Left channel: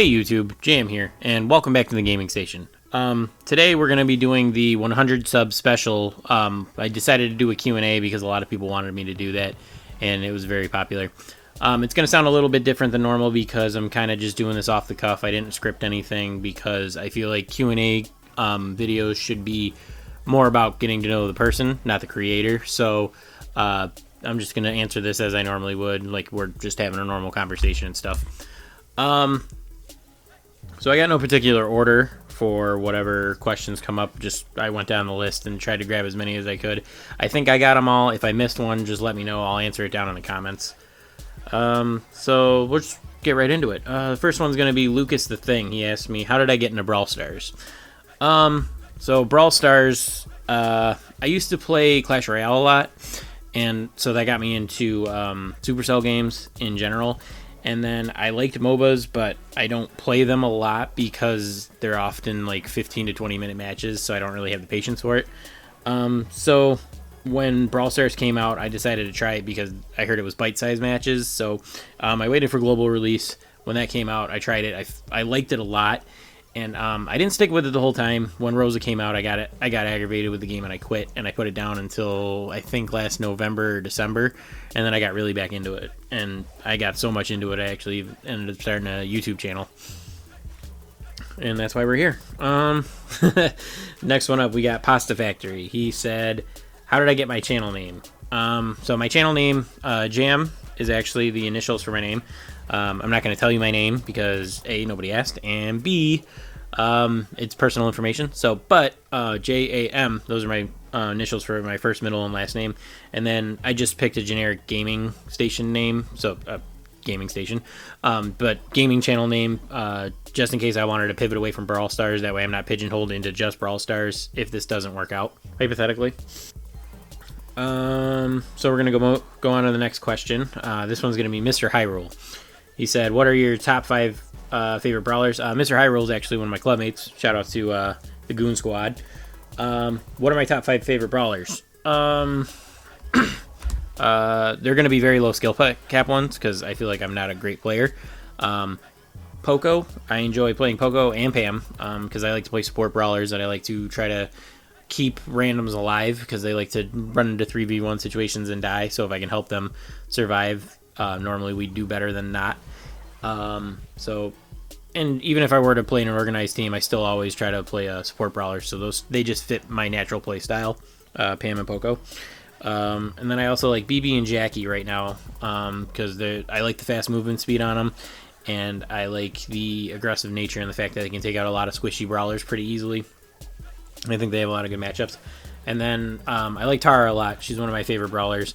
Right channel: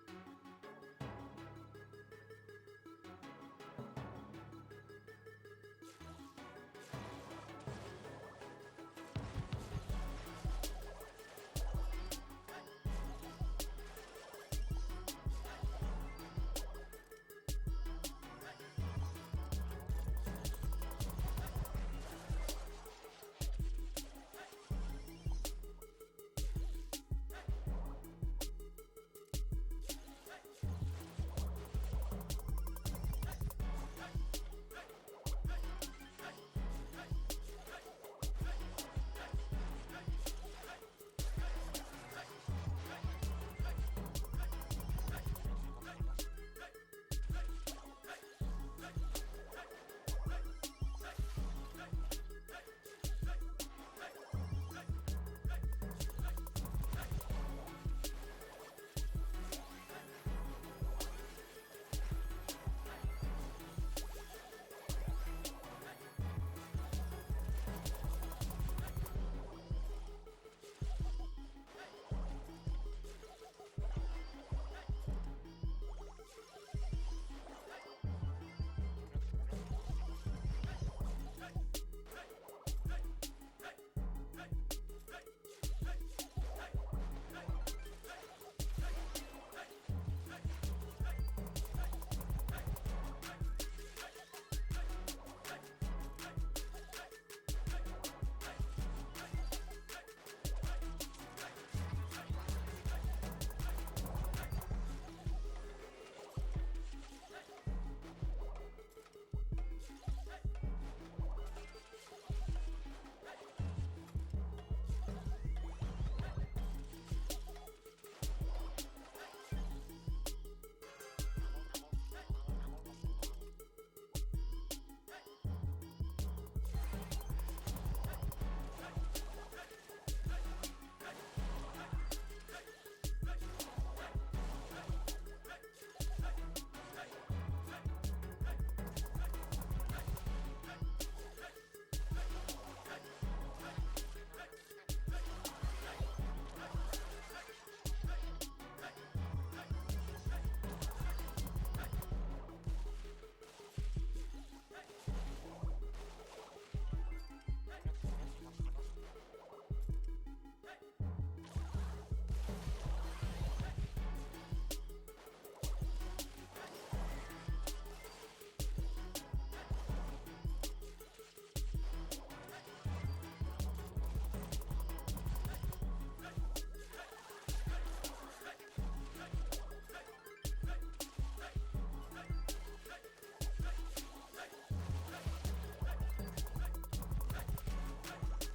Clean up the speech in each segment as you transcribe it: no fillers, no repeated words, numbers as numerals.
Hey YouTube, Jam here, and welcome back to the gaming station. Today we're going to be doing the 100 sub special. I decided to do a Q&A because a lot of people wanted me to do that, and it was very popular. It's going to sound a little bit different than normal because I'm kind of just doing this off the cuff. I didn't script anything because I feel like Q&A videos should be more about getting to know the person, not the creator. So I'm just going to answer this as I normally would, like we're just having a normal conversation and stuff. So I got no particular order for whatever questions come up. Just I went down the list and tried to grab as many as I could. I think I got them all. If I missed one, just let me know. I'll answer it down in the comments. So we'll just get right into it. The first one's going to be Lucas the Thing. He asked me, how did I get into Brawl Stars? So Brawl Stars, I used to play Clash Royale a lot, and so that got me into Supercell games in general. And then I liked MOBAs, but I don't play them a lot because they're often like 15 to 20 minute matches, so I don't really have the patience for it. So when Brawl Stars came out, I decided to try it because I heard it was bite-sized matches. So I waited for global release. When that came out, I tried it. I liked it a lot, and I didn't stick with it the whole time. When Rosa came out, I got aggravated with the game and I quit, and I put it down until I think last November or December, and then I got really back into it, and I got so much into it I actually ended up starting a YouTube channel, and that's why we're here. Next one up, we got Pasta Factory. He said, how did I get my channel name? So my channel name, Jam, is actually the initials for my name. I'm not going to tell you my name because A, nobody asked, and B, it's personal information. So, but J-A-M, those are my initials for my first, middle, and last name. And then I just picked a generic gaming station name, so gaming station, but gaming channel name, just in case I wanted to pivot away from Brawl Stars. That way I'm not pigeonholed into just Brawl Stars if this doesn't work out, hypothetically. So we're going to go on to the next question. This one's going to be Mr. Hyrule. He said, what are your top 5 favorite brawlers? Mr. Hyrule is actually one of my clubmates. Shout out to the Goon Squad. What are my top 5 favorite brawlers? They're going to be very low skill cap ones because I feel like I'm not a great player. Poco, I enjoy playing Poco and Pam because I like to play support brawlers, and I like to try to keep randoms alive because they like to run into 3v1 situations and die. So if I can help them survive, normally we do better than not. And even if I were to play in an organized team, I still always try to play a support brawler. So they just fit my natural play style, Pam and Poco. And then I also like BB and Jackie right now because I like the fast movement speed on them, and I like the aggressive nature and the fact that they can take out a lot of squishy brawlers pretty easily. I think they have a lot of good matchups. And then I like Tara a lot. She's one of my favorite brawlers.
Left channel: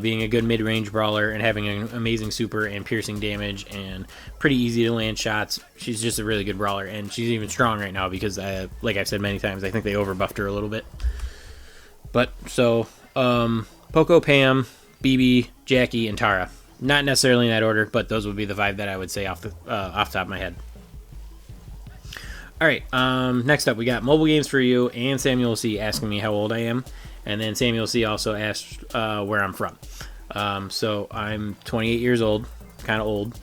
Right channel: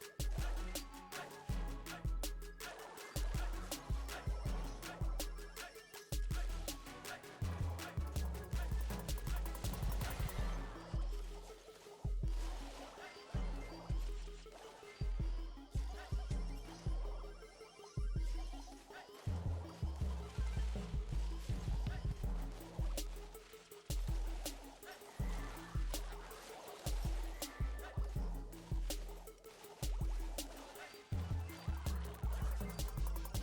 Being a good mid-range brawler and having an amazing super and piercing damage and pretty easy to land shots. She's just a really good brawler, and she's even strong right now because, like I've said many times, I think they overbuffed her a little bit. But, so, Poco, Pam, BB, Jackie, and Tara. Not necessarily in that order, but those would be the 5 that I would say off the top of my head. Alright, next up we got Mobile Games for You and Samuel C. asking me how old I am. And then Samuel C. also asked where I'm from. So I'm 28 years old, kind of old.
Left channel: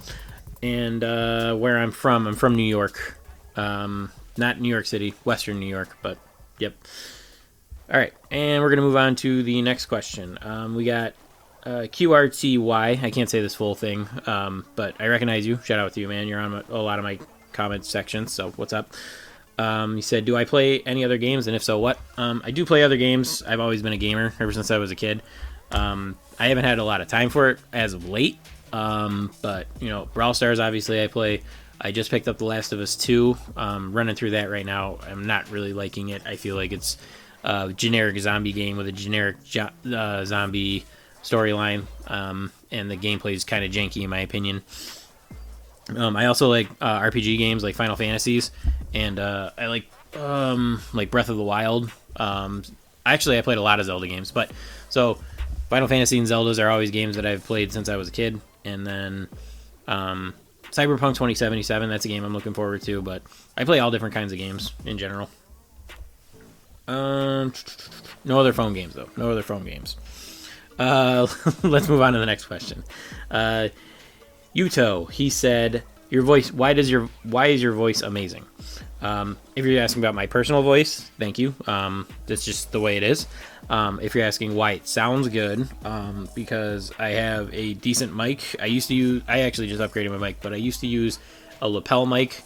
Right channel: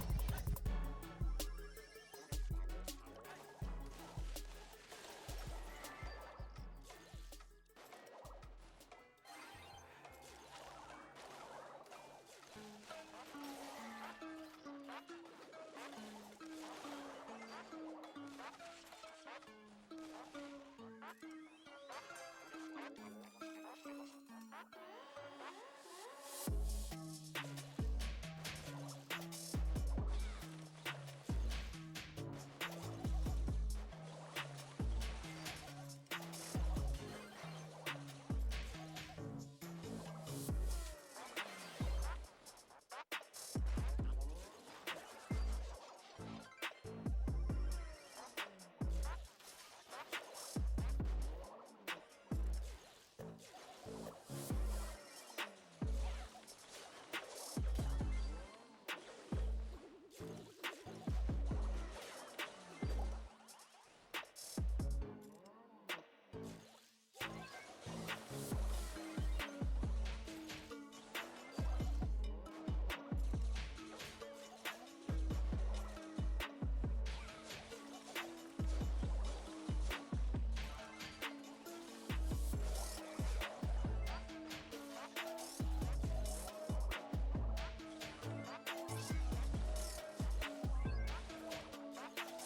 And where I'm from New York. Not New York City, Western New York, but yep. Alright, and we're going to move on to the next question. We got QRTY. I can't say this full thing, but I recognize you. Shout out to you, man. You're on a lot of my comment sections, so what's up? He said, do I play any other games, and if so, what? I do play other games. I've always been a gamer ever since I was a kid. I haven't had a lot of time for it as of late, but, you know, Brawl Stars, obviously, I play. I just picked up The Last of Us 2, running through that right now. I'm not really liking it. I feel like it's a generic zombie game with a generic zombie storyline, and the gameplay is kind of janky, in my opinion. I also like RPG games like Final Fantasies, and I like Breath of the Wild. Actually, I played a lot of Zelda games, but so Final Fantasy and Zeldas are always games that I've played since I was a kid. And then Cyberpunk 2077, that's a game I'm looking forward to, but I play all different kinds of games in general. No other phone games, though. No other phone games. Let's move on to the next question. Yuto, he said, your voice, why is your voice amazing? If you're asking about my personal voice, thank you. That's just the way it is. If you're asking why it sounds good, because I have a decent mic. I actually just upgraded my mic, but I used to use a lapel mic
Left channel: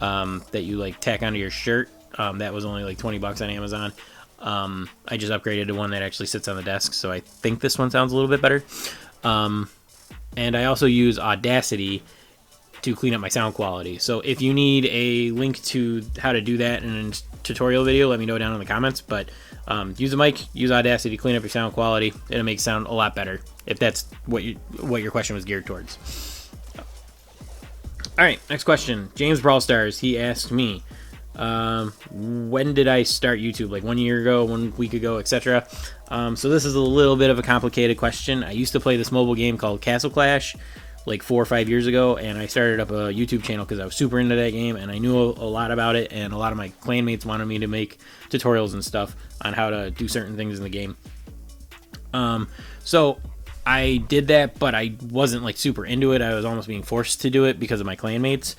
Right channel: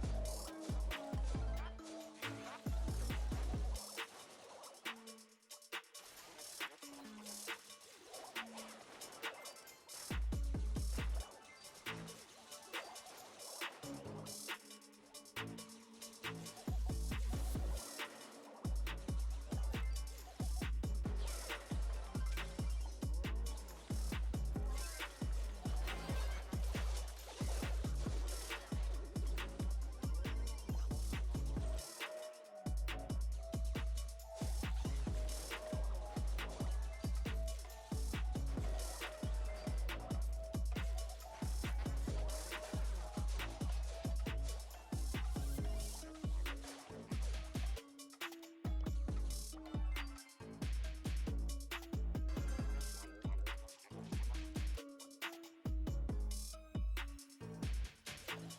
that you like tack onto your shirt. That was only like $20 on Amazon. I just upgraded to one that actually sits on the desk, so I think this one sounds a little bit better. And I also use Audacity to clean up my sound quality. So if you need a link to how to do that in a tutorial video, let me know down in the comments. But use a mic, use Audacity to clean up your sound quality. It'll make sound a lot better if that's what your question was geared towards. All right, next question. James Brawl Stars, he asked me, when did I start YouTube? Like 1 year ago, 1 week ago, etc. So this is a little bit of a complicated question. I used to play this mobile game called Castle Clash like 4 or 5 years ago, and I started up a YouTube channel because I was super into that game and I knew a lot about it, and a lot of my clanmates wanted me to make tutorials and stuff on how to do certain things in the game. So I did that, but I wasn't like super into it. I was almost being forced to do it because of my clanmates.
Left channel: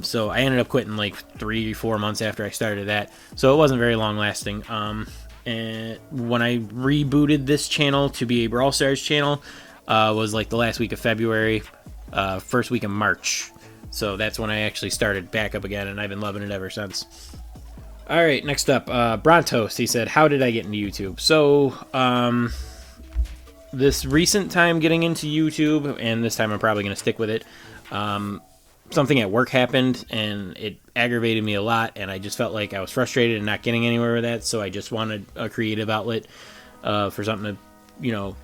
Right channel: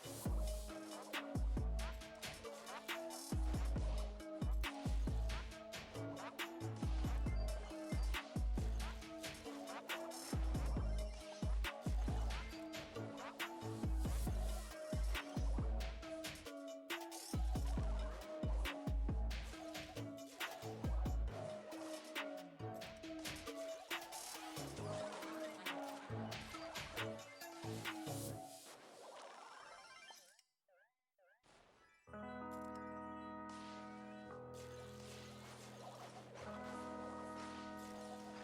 So I ended up quitting like 3-4 months after I started that, so it wasn't very long lasting. And when I rebooted this channel to be a Brawl Stars channel, was like the last week of February, first week of March. So that's when I actually started back up again, and I've been loving it ever since. All right, next up, Brontos. He said, how did I get into YouTube? So this recent time getting into YouTube, and this time I'm probably going to stick with it, something at work happened and it aggravated me a lot, and I just felt like I was frustrated and not getting anywhere with that, so I just wanted a creative outlet for something to,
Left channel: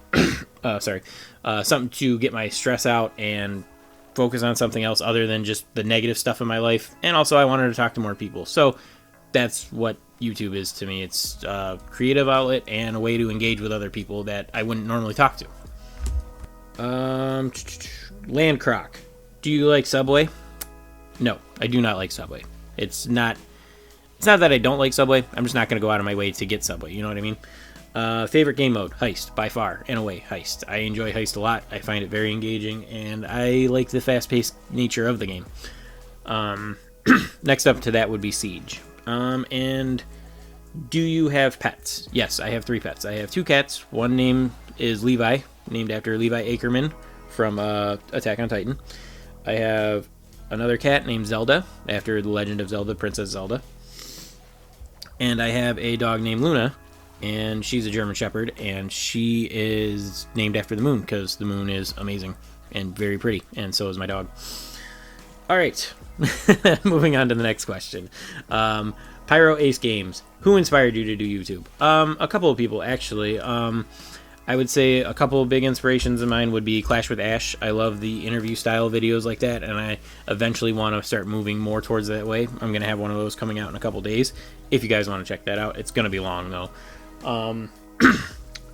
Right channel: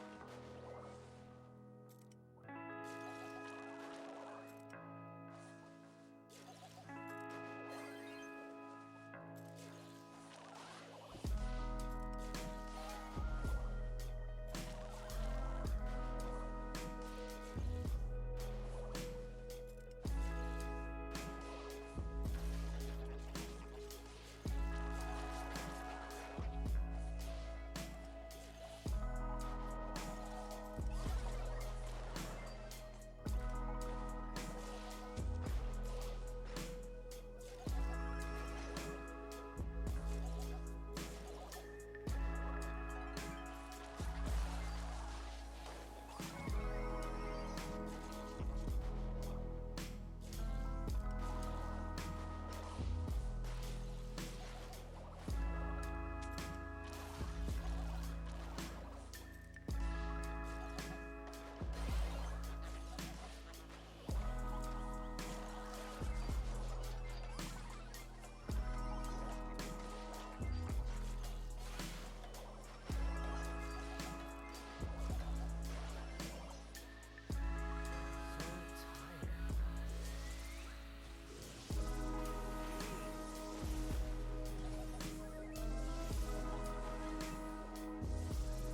something to get my stress out and focus on something else other than just the negative stuff in my life. And also I wanted to talk to more people, so that's what YouTube is to me. It's a creative outlet and a way to engage with other people that I wouldn't normally talk to. Landcroc, do you like Subway? No, I do not like Subway. It's not that I don't like Subway. I'm just not going to go out of my way to get Subway. You know what I mean? Favorite game mode? Heist, by far and away. Heist. I enjoy Heist a lot. I find it very engaging, and I like the fast-paced nature of the game. Next up to that would be Siege. And do you have pets? Yes, I have 3 pets. I have 2 cats. One name is Levi, named after Levi Ackerman from Attack on Titan. I have another cat named Zelda, after The Legend of Zelda, Princess Zelda. And I have a dog named Luna, and she's a German Shepherd, and she is named after the moon, because the moon is amazing and very pretty, and so is my dog. All right, moving on to the next question. Pyro Ace Games, who inspired you to do YouTube? A couple of people, actually. I would say a couple of big inspirations of mine would be Clash with Ash. I love the interview style videos like that, and I eventually want to start moving more towards that way. I'm going to have one of those coming out in a couple days. If you guys want to check that out, it's going to be long though.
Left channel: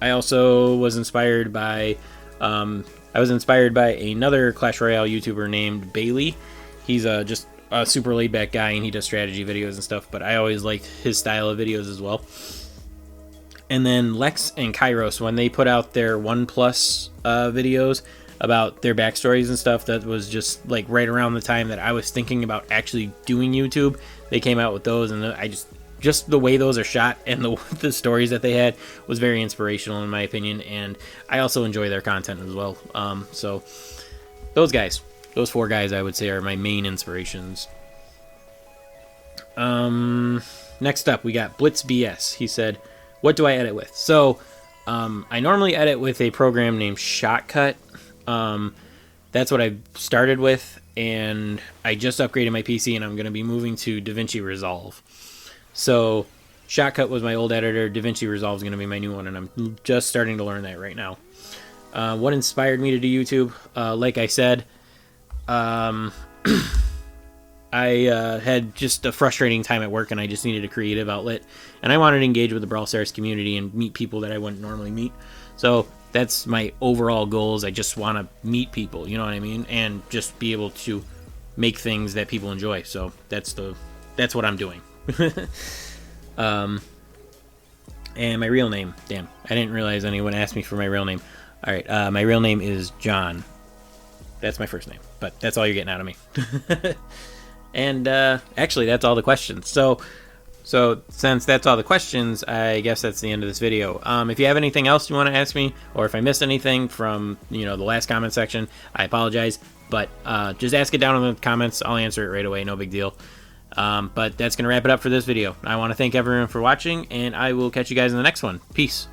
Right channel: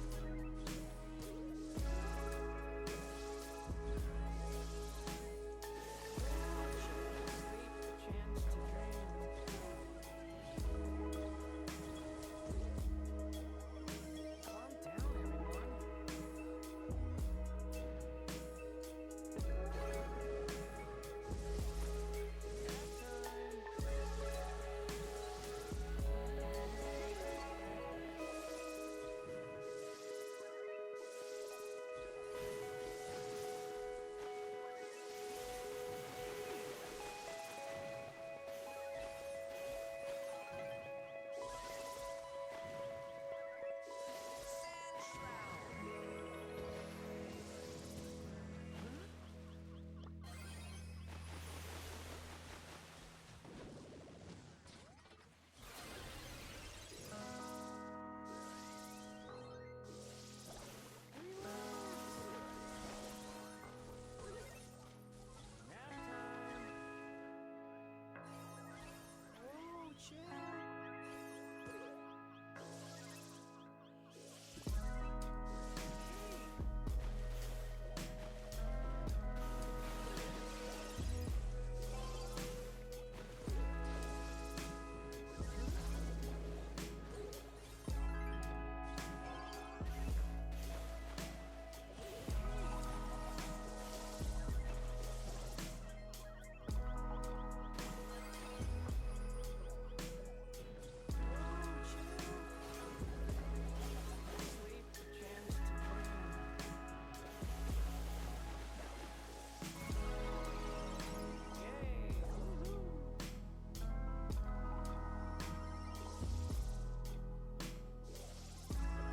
I also was inspired by another Clash Royale YouTuber named Bailey. He's just a super laid back guy, and he does strategy videos and stuff, but I always liked his style of videos as well. And then Lex and Kairos, when they put out their 1+ videos about their backstories and stuff, that was just like right around the time that I was thinking about actually doing YouTube. They came out with those, and I just the way those are shot and the stories that they had was very inspirational in my opinion, and I also enjoy their content as well. So those 4 guys I would say are my main inspirations. Next up we got Blitz BS. He said, what do I edit with? So I normally edit with a program named Shotcut. That's what I started with, and I just upgraded my PC, and I'm going to be moving to DaVinci Resolve. So Shotcut was my old editor. DaVinci Resolve is going to be my new one, and I'm just starting to learn that right now. What inspired me to do YouTube? Like I said, I had just a frustrating time at work, and I just needed a creative outlet, and I wanted to engage with the Brawl Stars community and meet people that I wouldn't normally meet. So that's my overall goals. I just want to meet people, you know what I mean, and just be able to make things that people enjoy. So that's what I'm doing. And my real name, damn, I didn't realize anyone asked me for my real name. All right, my real name is John. That's my first name, but that's all you're getting out of me. And actually, that's all the questions. So since that's all the questions, I guess that's the end of this video. If you have anything else you want to ask me, or if I missed anything from the last comment section, I apologize. But just ask it down in the comments. I'll answer it right away. No big deal. But that's gonna wrap it up for this video. I want to thank everyone for watching, and I will catch you guys in the next one. Peace.